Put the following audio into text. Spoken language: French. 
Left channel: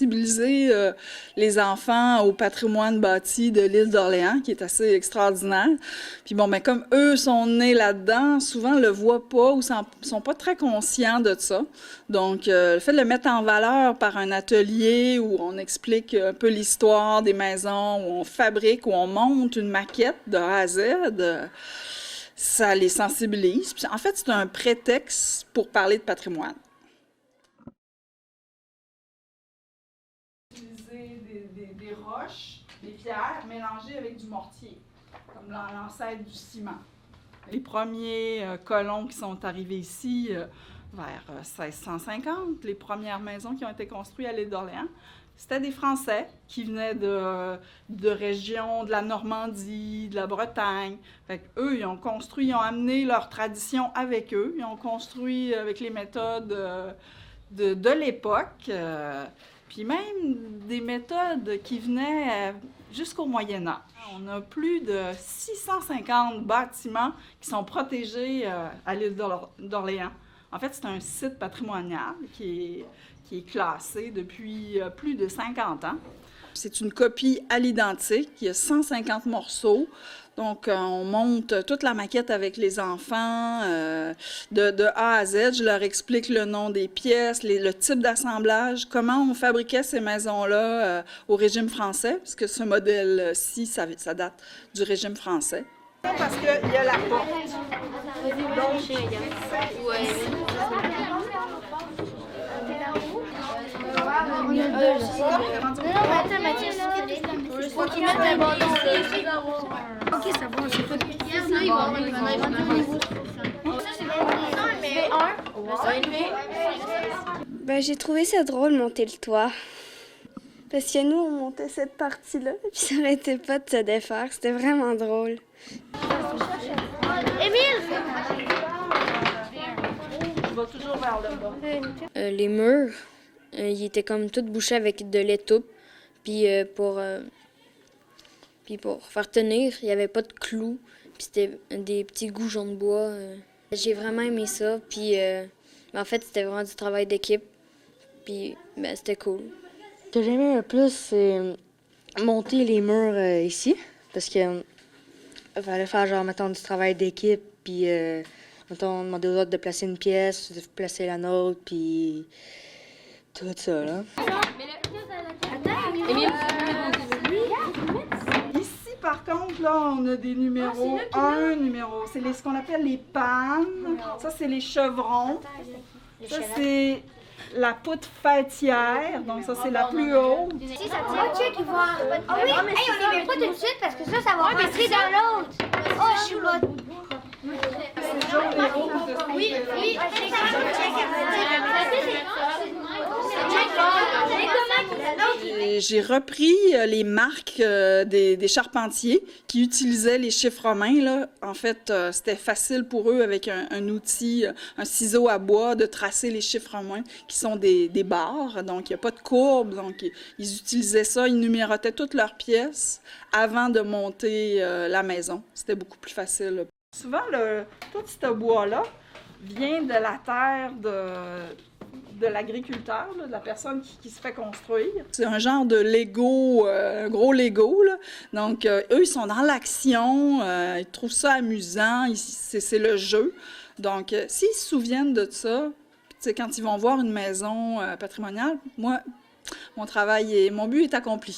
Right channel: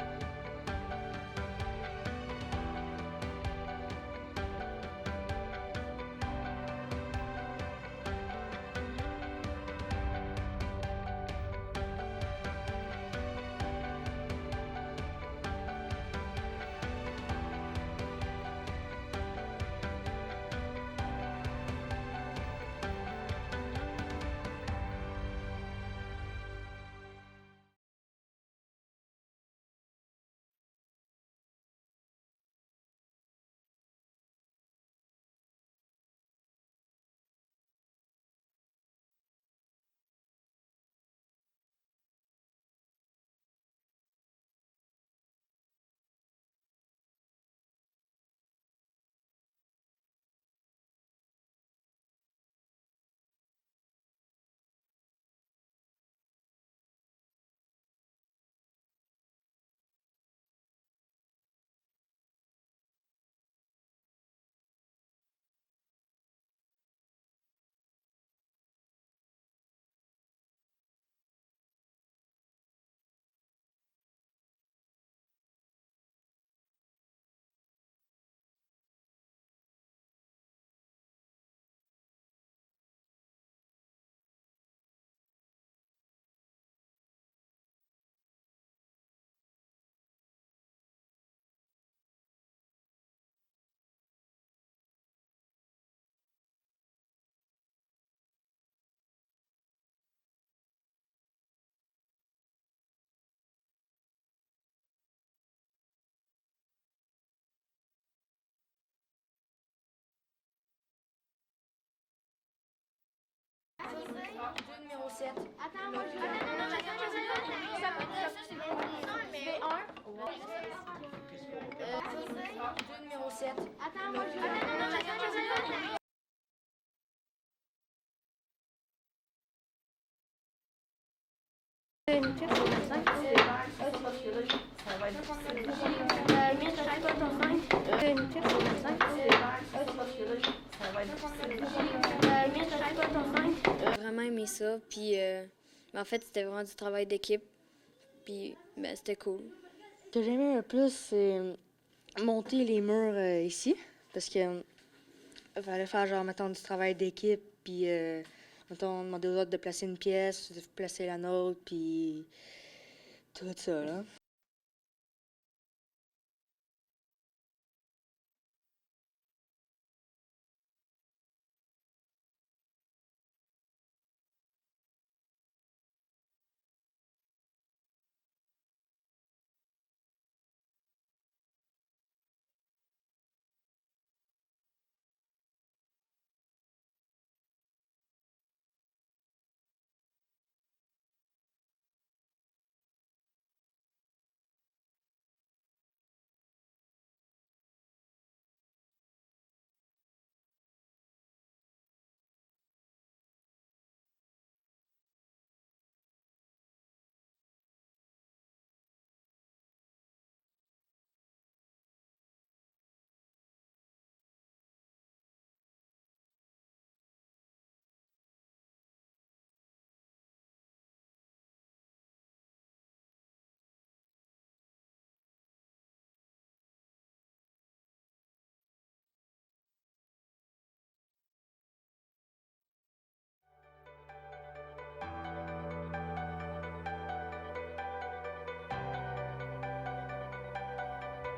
sensibiliser les enfants au patrimoine bâti de l'île d'Orléans, qui est assez extraordinaire. Puis bon, ben, comme eux sont nés là-dedans, souvent le voient pas ou sont pas très conscients de ça. Donc, le fait de le mettre en valeur par un atelier où on explique un peu l'histoire des maisons, où on fabrique, où on monte une maquette de A à Z, ça les sensibilise. Puis, en fait, c'est un prétexte pour parler de patrimoine. Utiliser des roches, des pierres mélangées avec du mortier, comme l'ancêtre du ciment. Les premiers colons qui sont arrivés ici vers 1650, les premières maisons qui ont été construites à l'île d'Orléans, c'était des Français qui venaient de régions de la Normandie, de la Bretagne. Fait qu'eux, ils ont amené leur tradition avec eux. Ils ont construit avec les méthodes de l'époque, puis même des méthodes qui venaient jusqu'au Moyen Âge. On a plus de 650 bâtiments qui sont protégés à l'île d'Orléans. En fait, c'est un site patrimonial qui est classé depuis plus de 50 ans. C'est une copie à l'identique. Il y a 150 morceaux. Donc, on monte toute la maquette avec les enfants de A à Z. Je leur explique le nom des pièces, le type d'assemblage, comment on fabriquait ces maisons-là au régime français, parce que ce modèle-ci, ça date du régime français. Parce qu'il y a la porte. Donc, Ok, ça va, j'ai pas de Ben, j'ai trouvé ça drôle, monter le toit. Parce que nous, on montait cette partie-là, puis ça n'arrêtait pas de se défaire. C'était vraiment drôle. Les murs, ils étaient comme tout bouchés avec de l'étoupe. Puis pour faire tenir, il n'y avait pas de clous. Puis c'était des petits goujons de bois. J'ai vraiment aimé ça. Puis en fait, c'était vraiment du travail d'équipe. Puis ben, c'était cool. Ce que j'aimais le plus, c'est monter les murs ici. Parce que fallait faire genre, mettons, du travail d'équipe. Puis mettons, demander aux autres de placer une pièce, de placer la nôtre, puis tout ça, là. Ici, par contre, là, on a des numéros. Un numéro, c'est ce qu'on appelle les pannes. Ça, c'est les chevrons. Ça, c'est la poutre fêtière. Donc, ça, c'est la plus haute. Si ça tient, check, il va. Ah oui, on les met pas tout de suite parce que ça va rentrer dans l'autre. Oh, je suis là. Oui, oui. J'ai repris les marques des charpentiers qui utilisaient les chiffres romains, là. En fait, c'était facile pour eux avec un outil, un ciseau à bois, de tracer les chiffres romains qui sont des barres. Donc, il n'y a pas de courbe. Donc, ils utilisaient ça, ils numérotaient toutes leurs pièces avant de monter la maison. C'était beaucoup plus facile. Souvent, tout ce bois-là vient de la terre de l'agriculteur, de la personne qui se fait construire. C'est un genre de Lego, un gros Lego, là. Donc, eux, ils sont dans l'action, ils trouvent ça amusant, c'est le jeu. Donc, s'ils se souviennent de ça, quand ils vont voir une maison patrimoniale, moi, mon but est accompli.